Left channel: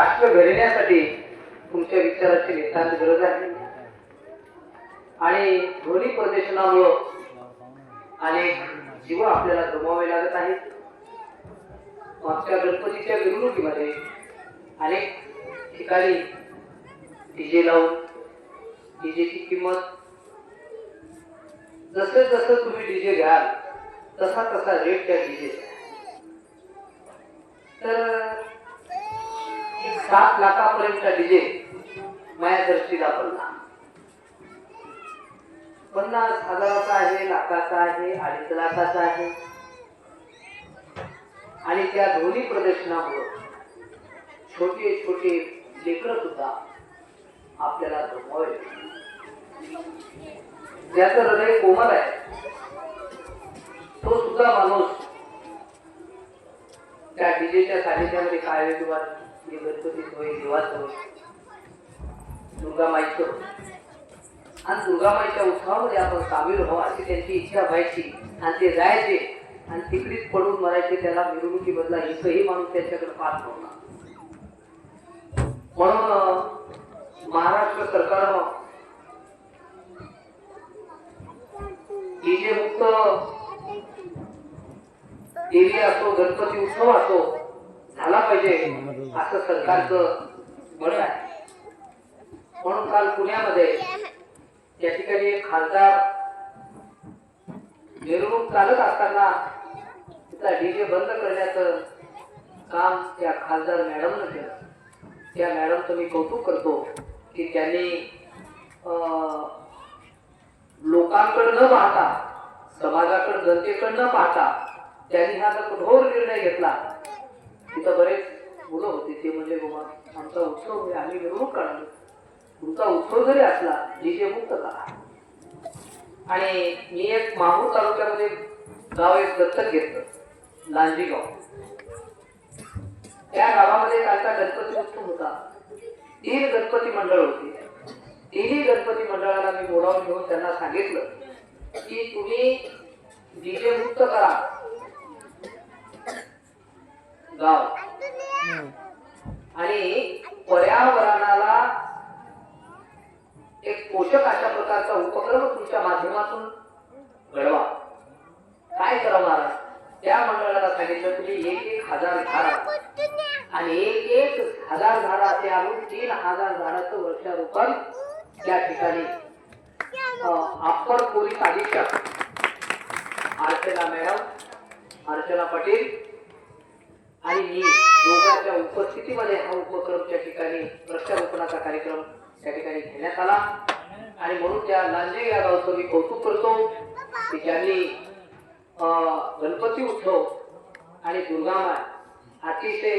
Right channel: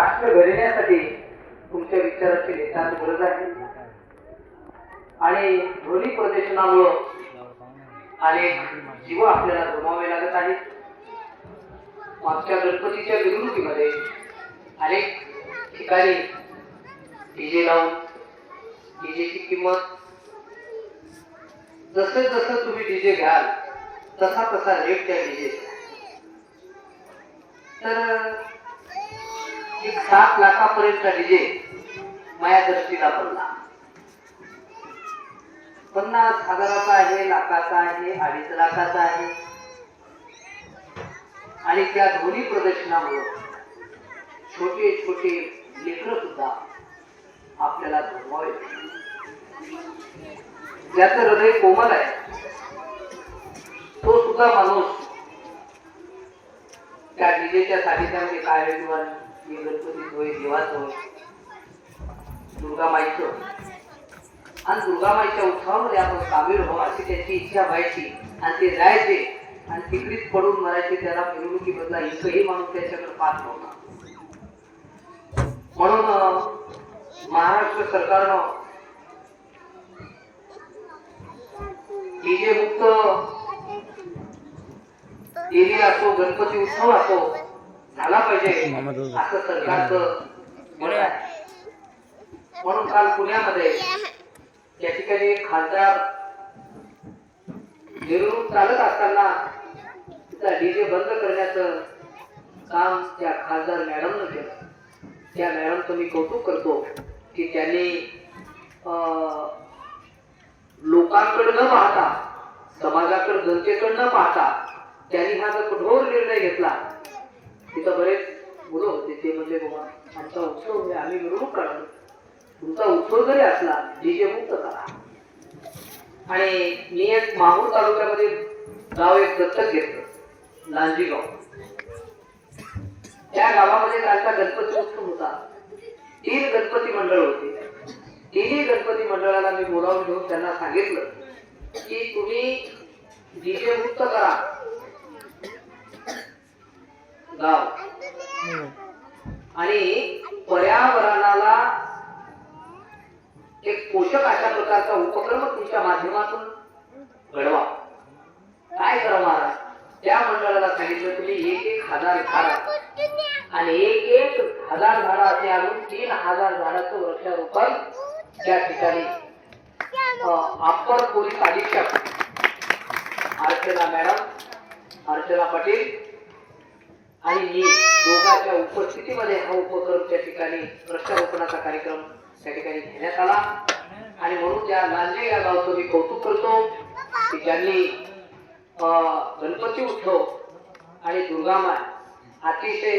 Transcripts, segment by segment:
राष्ट्र घडण्यासाठी तुमच्या विचाराची नितांत गरज आहे. आणि ध्वनी प्रदूषणामुळं अनेक जीव आपल्याला गमावे लागत आहेत. मागच्या गणपतीच्या मिरवणुकीमध्ये अनेक ठिकाणी डीजे लावून डीजेची किंमत जसं जसं तुम्ही डीजे घ्याल तसा तसा रेट त्या डीजे तर सात लाखापर्यंतचा डीजे माझ्या दृष्टीला पडला. पन्नास हजाराचा आहे लाखाचा आहे अडीच लाखाचा आहे. आणि त्या ध्वनी प्रदर्शनामुळं छोटे छोटे लेकर सुद्धा आपल्याला धुमावे ज्याचं हृदय कोमल आहे तो सुद्धा माणूस त्या डीजेच्या सानिध्यामध्ये काय किंवा होय देवाच होय दुर्गामाईचं आणि दुर्गामाईच्या उत्सवामध्ये आपण सामील व्हावं अशी त्यांची इच्छा व्हायची आणि ते जायचे आणि तिकडीच पडून मरायचे त्याला मिरवणुकीमधला एकही माणूस त्याच्याकडे पाहत नव्हता. म्हणून महाराष्ट्र सरकारनं डीजे मुक्त देवी असो गणपती उत्सव असो झाला पाहिजे. असं सरकारचं म्हणून काल पुण्यामध्ये त्या ठिकाणी खासदार मिरवणूक चालत असताना तिथला डीजे बंद करण्याचं काम त्या खासदार मॅडमनं केलं. त्या मॅडमचं मी कौतुक करतो की त्यांनी लोकांकडे न पाहता समाजाकडे जनतेकडे न पाहता त्यांनी हा जो कठोर निर्णय घेतला तिथं बरेच मुलं होते ते म्हणजे बाबा आमचा उत्सव म्हणजे आम्ही मिरवणूक काढतो. तुमचा उत्सव जरी असला डीजे मुक्त करा. आणि मी एक माहूर तालुक्यामध्ये गाव एक दत्तक घेतलं लांजी गाव त्या गावामध्ये त्यांचा गणपती उत्सव होता. तीन गणपती मंडळ होती. तिन्ही गणपती मंडळाला मी बोलावून घेऊन त्यांना सांगितलं की तुम्ही डीजे मुक्त करा. गाव आणि पर्यावरणाला एक पोषक अशा प्रकारचा उपक्रम तुमच्या माध्यमातून घडवा काय करा महाराज त्या मंडळाला सांगितलं तुम्ही एक एक हजार झाड आणि एक एक हजार झाडाचे आणून तीन हजार झाडाचं वृक्षारोपण त्या ठिकाणी अं, अप्पर पोलीस अधीक्षक अर्चना मॅडम अर्चना पटेल आणि मी दोघांच्या उपस्थितीमध्ये हा उपक्रम त्या ठिकाणी वृक्षारोपणाचा कार्यक्रम त्या ठिकाणी घेण्यात आला. आणि म्हणून त्या लांजे या गावचं मी कौतुक करतो की त्यांनी गणपती उत्सव आणि दुर्गामा अतिशय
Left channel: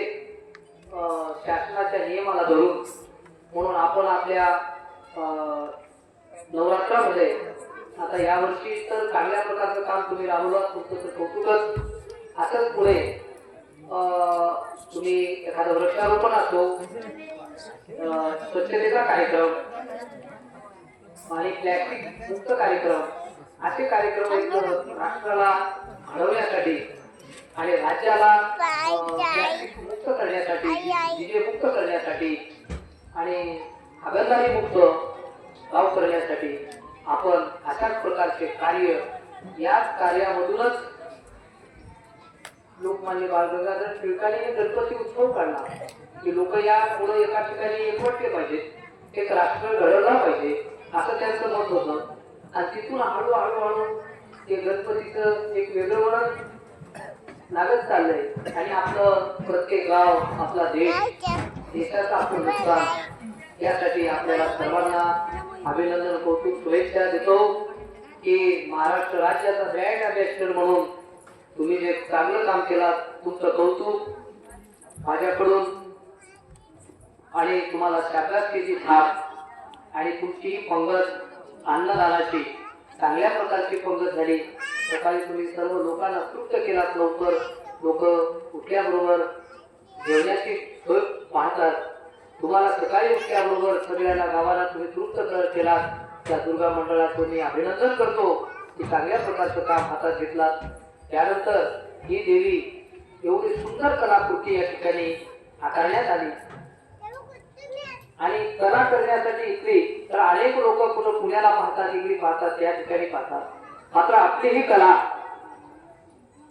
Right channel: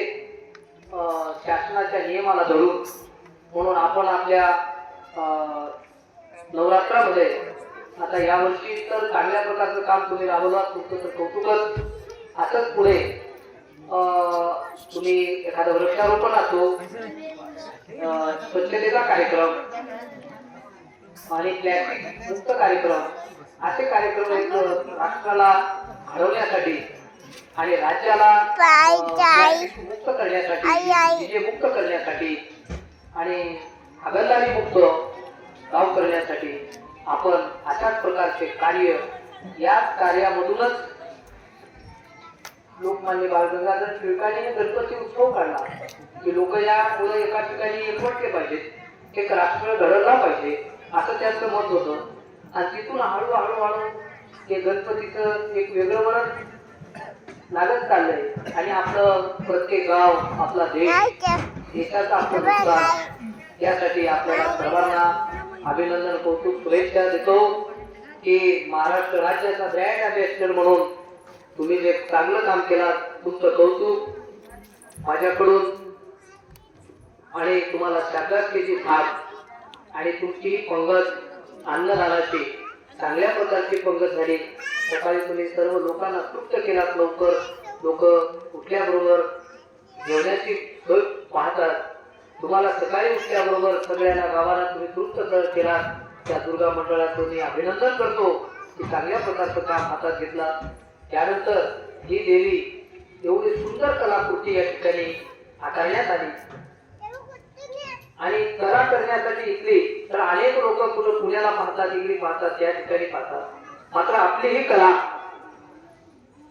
शासनाच्या नियमाला धरून म्हणून आपण आपल्या नवरात्रामध्ये आता यावर्षी तर चांगल्या प्रकारचं काम तुम्ही राबवला तुमचं तर कौतुकच. असंच पुढे तुम्ही एखादं वृक्षारोपण असो स्वच्छतेचा कार्यक्रम आणि प्लॅस्टिक मुक्त कार्यक्रम असे कार्यक्रम एक राष्ट्राला घडवण्यासाठी आणि राज्याला मुक्त करण्यासाठी मुक्त करण्यासाठी आणि हगलदारी मुक्त गाव करण्यासाठी आपण अशाच प्रकारचे कार्य या कार्यामधूनच लोकमान्य बाळ गंगाधर टिळकांनी गणपती उत्सव काढला. की लोक या पुढे एका ठिकाणी एकवटले पाहिजेत एक राष्ट्र घडवला पाहिजे असं त्यांचं मत होतं. आणि तिथून हळूहळू हळू ते गणपतीचं एक वेगळं वळण लागत चाललंय. आणि आपलं प्रत्येक गाव आपला देश देशाचा आपण नुकसान यासाठी आपल्याला सर्वांना अभिनंदन कौतुक शुभेच्छा देतो की महाराष्ट्र राज्याचा ब्रँड अँबॅसिडर म्हणून तुम्ही जे चांगलं काम केलं तुमचं कौतुक माझ्याकडून आणि तुम्हाला शाबासकीची थाप आणि तुमची पंगत अन्नदानाची चांगल्या प्रकारची पंगत झाली. सकाळी तुम्ही सर्व लोकांना तृप्त केलात लवकर. लोक उठल्याबरोबर जेवण्याची सोय पाहतात. तुम्हाला सकाळी उठल्याबरोबर सगळ्यांना गावाला तुम्ही तृप्त कर केलात. त्या दुर्गा मंडळाचं मी अभिनंदन करतो की चांगल्या प्रकारचं काम हातात घेतला त्यानंतर ही देवी एवढी सुंदर कलाकृती या ठिकाणी हाताळण्यात आली. आणि कला करण्यासाठी इकली तर अनेक लोक कुठं पुण्याला पाहतात इकडे पाहतात त्या ठिकाणी पाहतात. मात्र आपली ही कला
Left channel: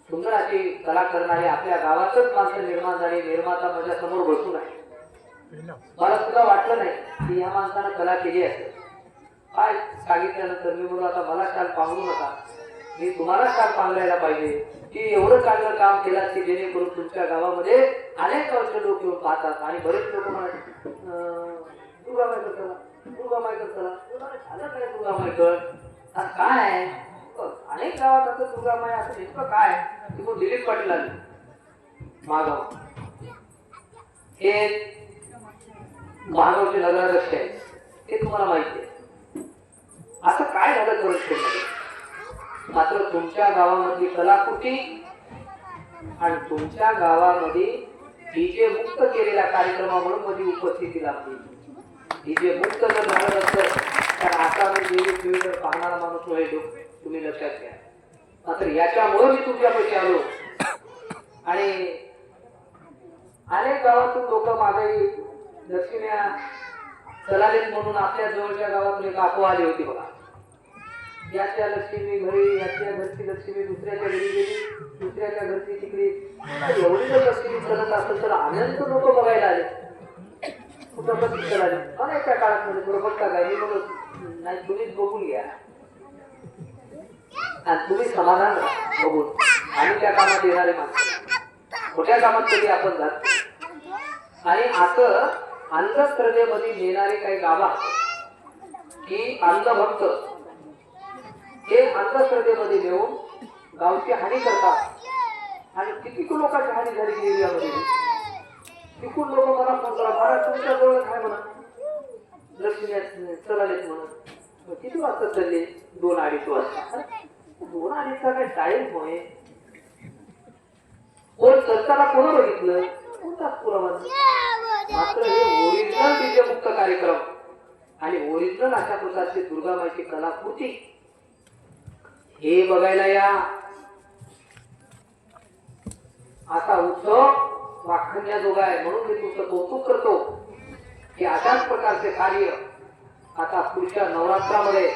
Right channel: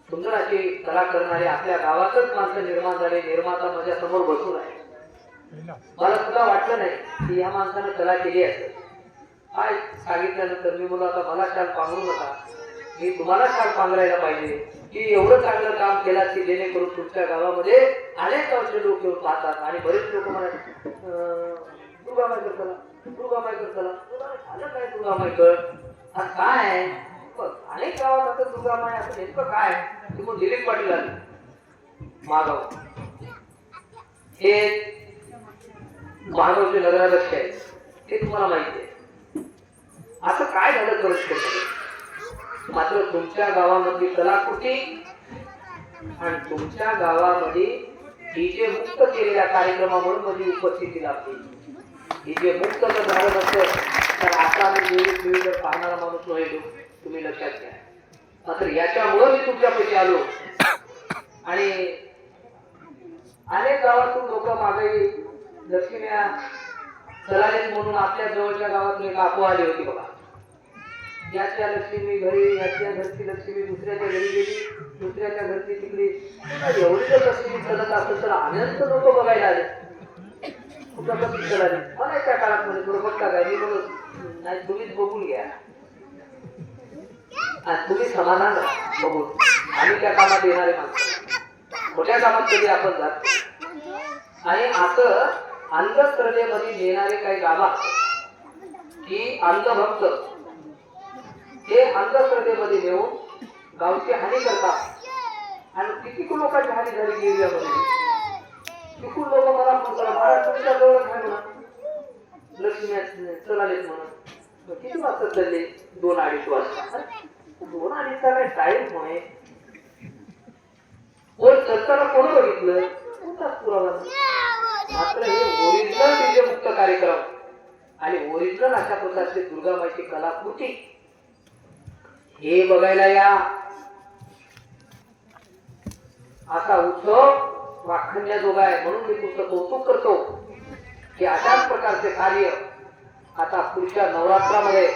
सुंदर अशी कला करणारे आपल्या गावातच माणसं निर्माण झाले निर्माता माझ्यासमोर बसून आहे. मला सुद्धा वाटलं नाही की या माणसानं कला केली असेल. काय सांगितल्यानंतर मी बोललो आता मला काल पांघरू नका मी तुम्हालाच शाल पांघरायला पाहिजे. की एवढं चांगलं काम केलं की जेणेकरून तुमच्या गावामध्ये अनेक गावचे लोक येऊन पाहतात. आणि बरेच लोक म्हणाले दुर्गा मायकर चला दुर्गा मायकर चला. झालं काय दुर्गा मायकर काय अनेक गावात आता दुर्गा माय असं नेमकं काय? तिकडून दिलीप पाटील आले. मागाव हे महागावचे नगराध्यक्ष आहेत. ते तुम्हाला माहिती आहे. असं काय झालं तुरस्करमध्ये मात्र तुमच्या गावामधली कलाकृती आणि तुमच्या गावामध्ये डीजे मुक्त केलेल्या कार्यक्रमावरून माझी उपस्थिती लाभली? डीजे मुक्त जर झालं नसतं तर आता मी वेळी पाहणार पाहणारा माणूस नव्हे तुम्ही लक्षात घ्या. मात्र याच्यामुळे मी तुमच्यापैकी आलो. आणि अनेक गावातून लोक मागे लक्ष्म्या चलालीत म्हणून आपल्या जवळच्या गावातून एक अफवा आली होती बघा. याच्या लक्ष्मी घरी याच्या घरची लक्ष्मी दुसऱ्याच्या घरी गेली दुसऱ्याच्या घरची तिकडे. एवढी जर लक्ष्मी करत असेल तर अनंत लोक बघायला आले. कुठं पण आले. अनेक त्या काळात मध्ये बरोबर का काय? मी म्हणत नाही तुम्हीच बघून घ्या. तुम्ही समाधान बघून. आम्ही त्या कामात येणारे माणसं. मोठ्या कामात कधी आपण जात आणि असं अंधश्रद्धेमध्ये नेणारे काही गावा की अंधभक्त हे अंधश्रद्धेमध्ये नेऊन गावची हानी करतात. आणि किती लोकांची हानी झाली की एरियामध्ये? तिकून लोक मला फोन करा महाराज तुमच्या जवळ काय म्हणा लक्ष्मी चलालेत म्हणा मग किती वाजता चालले? दोन अडीच वाजता. दोन अडीचचा काय टाईम होय. वर चलताना कोण बघितलं? कोणताच पुरावा मात्र हे ओरिजिनल विजयमुक्त मुक्त कार्यक्रम. आणि ओरिजिनल अशा प्रकारची दुर्गामाईची कलाकृती हे बघायला या. असा उत्सव वाखण्याजोगा आहे म्हणून मी तुमचं कौतुक करतो की अशाच प्रकारचे कार्य आता पुढच्या नवरात्रामध्ये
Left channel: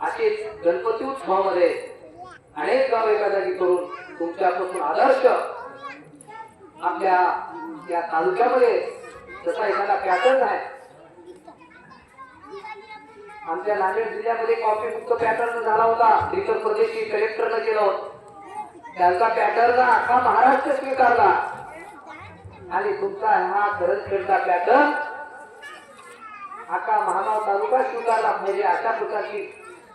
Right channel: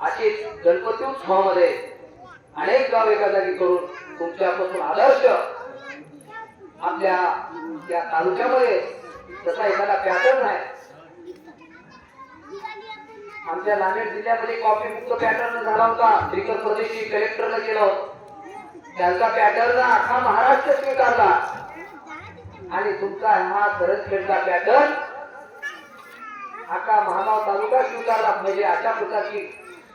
अशीच गणपती उत्सवामध्ये अनेक गाव एका जागी करून तुमच्यापासून आदर्श आपल्या त्या तालुक्यामध्ये जसा एखादा पॅटर्न आहे. आमच्या नांदेड जिल्ह्यामध्ये कॉफी मुक्त पॅटर्न झाला होता. श्रीकर प्रदेशी कलेक्टरनं केलं त्यांचा पॅटर्न अख्खा महाराष्ट्र स्वीकारला. आणि तुमचा हा करंजखेडचा पॅटर्न अख्खा महागाव तालुका स्वीकारला. म्हणजे अशा प्रकारची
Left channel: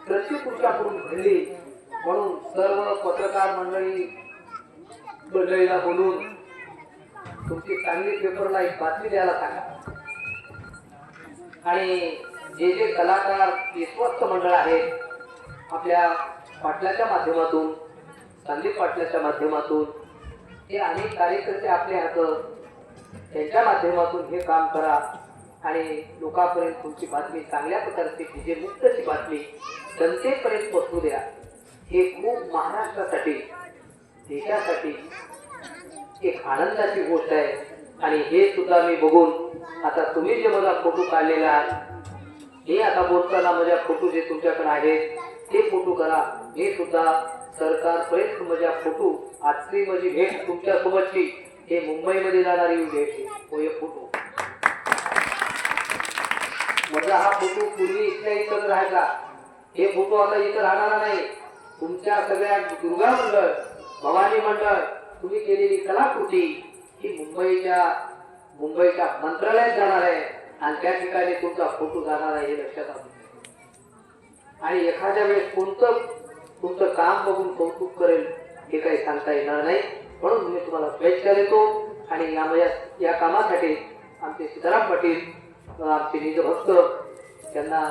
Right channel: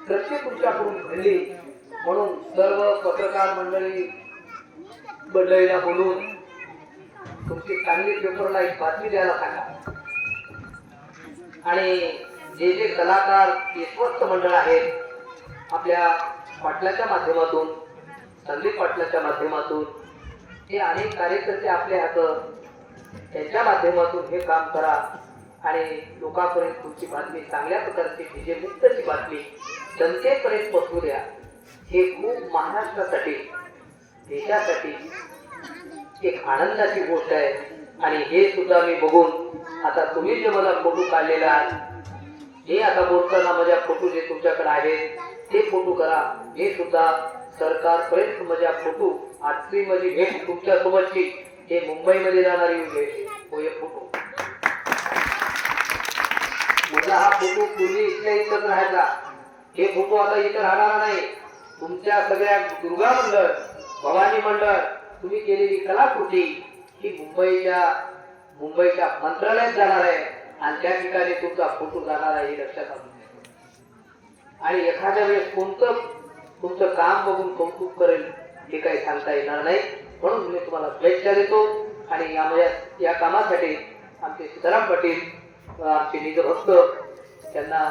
कृती तुमच्याकडून घडली. म्हणून सर्व पत्रकार मंडळी मंडळीला बोलून तुमची चांगली पेपरला एक बातमी द्यायला सांगा. आणि जे जे कलाकार विश्वस्त मंडळ आहे आपल्या पाटलाच्या माध्यमातून संदीप पाटलाच्या माध्यमातून हे अनेक कार्यकर्ते आपले हात त्यांच्या माध्यमातून हे काम करा आणि लोकांपर्यंत तुमची बातमी चांगल्या प्रकारची डीजे मुक्तची बातमी जनतेपर्यंत पोहोचू द्या. हे खूप महाराष्ट्रासाठी देशासाठी एक आनंदाची गोष्ट आहे. आणि हे सुद्धा मी बघून आता तुम्ही जे मला फोटो काढलेला आहात हे आता बोलताना माझ्या फोटो जे तुमच्याकडे आहेत ते फोटो करा. हे सुद्धा सरकारपर्यंत माझ्या फोटो आजची माझी भेट तुमच्या सोबतची हे मुंबईमध्ये जाणारी भेट हो हे फोटो. माझा हा फोटो पूर्वी इथल्या इथंच राहायचा. हे फोटो आता इथं राहणार नाही. तुमच्या सगळ्या दुर्गा मंडळ भवानी मंडळ तुम्ही केलेली कलाकृती ही मुंबईच्या मुंबईच्या मंत्रालयात जाणार आहे. आणि त्या ठिकाणी तुमचा फोटो जाणार हे लक्षात आलं आणि एखाद्या वेळेस कोणतं तुमचं काम बघून कौतुक करेल हे काही सांगता येणार नाही. म्हणून मी तुम्हाला शुभेच्छा देतो आणि यामुळे या कामासाठी आमचे सीताराम पाटील व आमचे निजभक्त त्यांना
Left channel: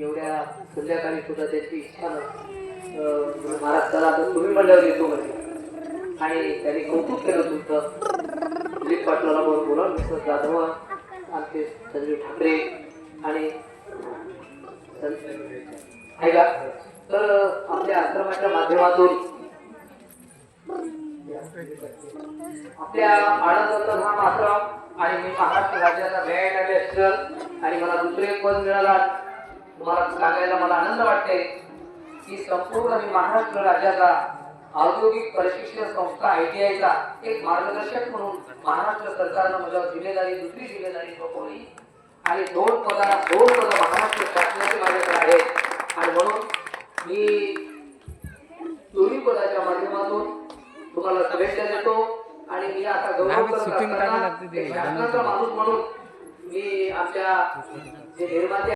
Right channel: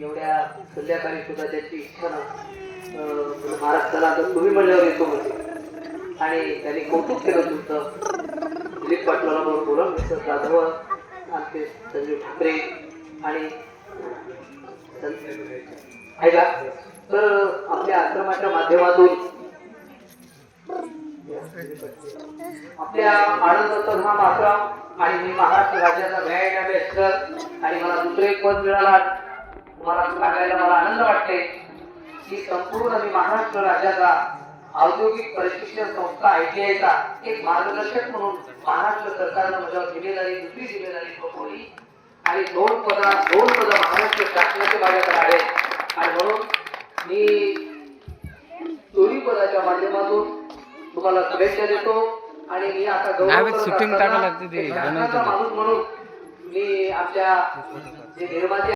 एवढ्या संध्याकाळी सुद्धा त्याची इच्छा महाराज महाराष्ट्राला तर तुम्ही म्हणल्यावर येतो म्हणजे आणि त्यांनी कौतुक केलं तुमचं. दिलीप पाटलाला बरोबर बोला मिस्टर जाधव. आमचे संजय ठाकरे आणि ऐका तर आपल्या आश्रमाच्या माध्यमातून आपल्या आनंदाचं नाम आश्रम आणि मी महाराष्ट्र राज्याचा व्यायाम अभ्यासकर आणि मला दुसरे पद मिळाला. तुम्हाला सांगायला मला आनंद वाटते की संपूर्ण मी महाराष्ट्र राज्याचा औद्योगिक प्रशिक्षण संस्था आयटीआयचा एक मार्गदर्शक म्हणून महाराष्ट्र सरकारनं माझ्यावर जिम्मेदारी दुसरी जिम्मेदारी सोपवली आणि दोन पदा दोन पदं महाराष्ट्र शासनाचे माझ्याकडे आहेत आणि म्हणून मी दोन्ही पदाच्या माध्यमातून तुम्हाला शुभेच्छा देतो. आणि मी आता गौरव. माणूस म्हणून मी आमच्या जे निर्माते